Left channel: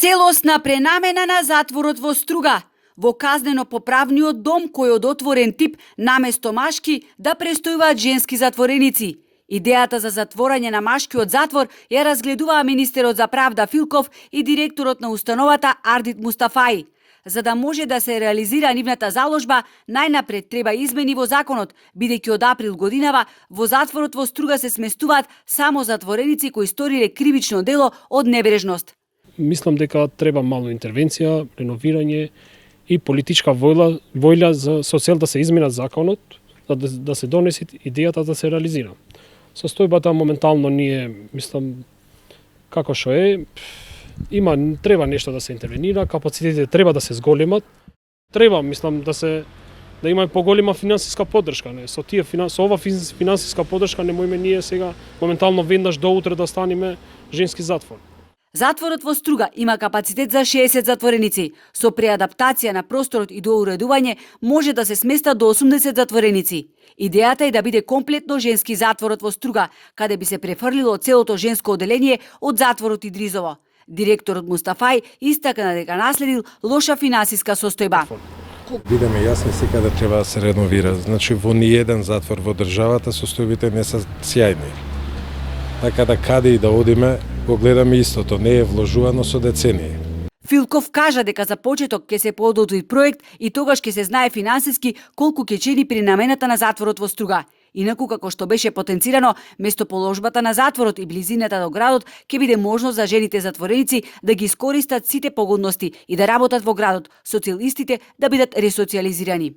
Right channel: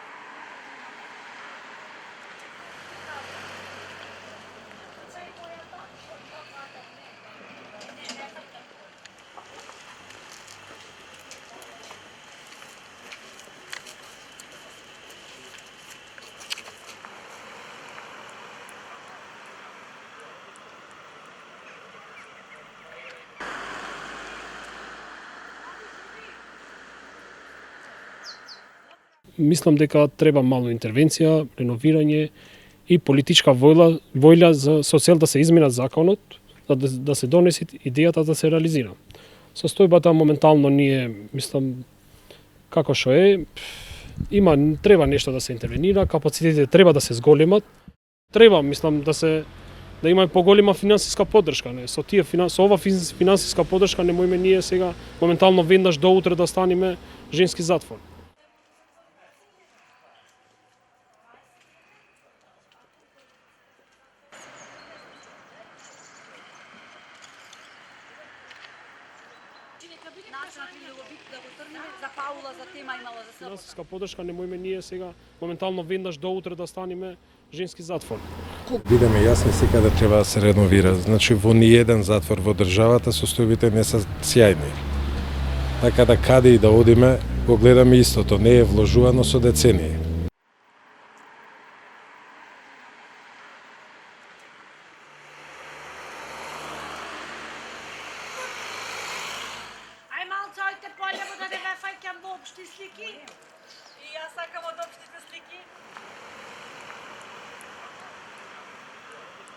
Целосна пренамена на затворот во Струга. Во казнено-поправниот дом кој од отворен тип наместо машки да престојуваат женски затвореници. Идејата за затворање на машкиот затвор ја разгледуваа министерот за правда Филков и директорот на установата Ардит Мустафаи. За да може да се реализира нивната заложба, најнапред треба измени во законот, бидејќи од април годинава во затворот во Струга се сместуваат само затвореници кои сториле кривично дело од небрежност. Мислам дека треба мало интервенција, реновирање и политичка воља со цел да се изменат законот, да се донесе идејата да се реализира. Состојбата моментално ние, мислам, како што е, треба нешто да се интервенира, капацитетите треба да се зголемат, треба, мислам, да има поголема финансиска поддршка, не? Со ова финансиска поддршка не можеме ние сега моментално веднаш до утре да станеме женски затвор. Затворот во Струга има капацитет за 60 затвореници. Со преадаптација на просторот и доуредување може да се сместат до 80 затвореници. Идејата е да биде комплетно женски затворот во Струга, каде би се префрлило целото женско оделение од затворот Идризово. Директорот Мустафаи истакна дека наследил лоша финансиска состојба. Бидеме јасни, секаде треба да се реновира. Значи, во ниеден затвор во државата состојбите не се сјајни. Така да каде и да одиме, го гледаме истото, не е вложувано со децении. Филков кажа дека за почеток ќе се подготви проект и тогаш ќе се знае финансиски колку ќе чини пренамената на затворот во Струга. Инаку, како што беше потенцирано, место положбата на затворот и близината до градот ќе биде можност за жените затвореници да ги искористат сите погодности и да работат во градот, социјалистите да бидат ресоцијализирани.